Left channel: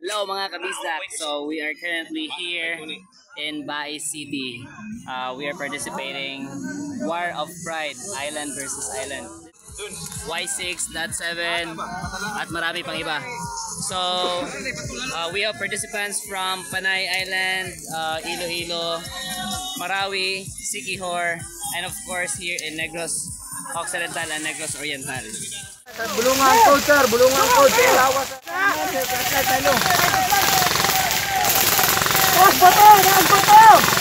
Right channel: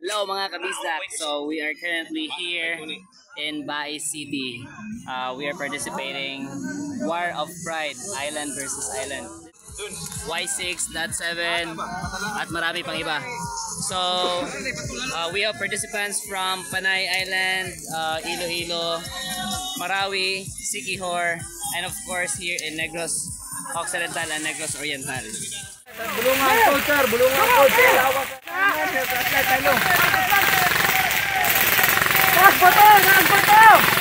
Hello mga kabisdak. So we are currently here in Bae City. We are participating War of Pride, Island versus Island. Y6.7 at marami pang iba. So we have participants from Panay Island, Iloilo, Marawi, Siquijor, and of course here in Negros Occidental and Negros Oriental. Bulungan ko, sir. Bulungan ko. Lawas. Boto! Boto!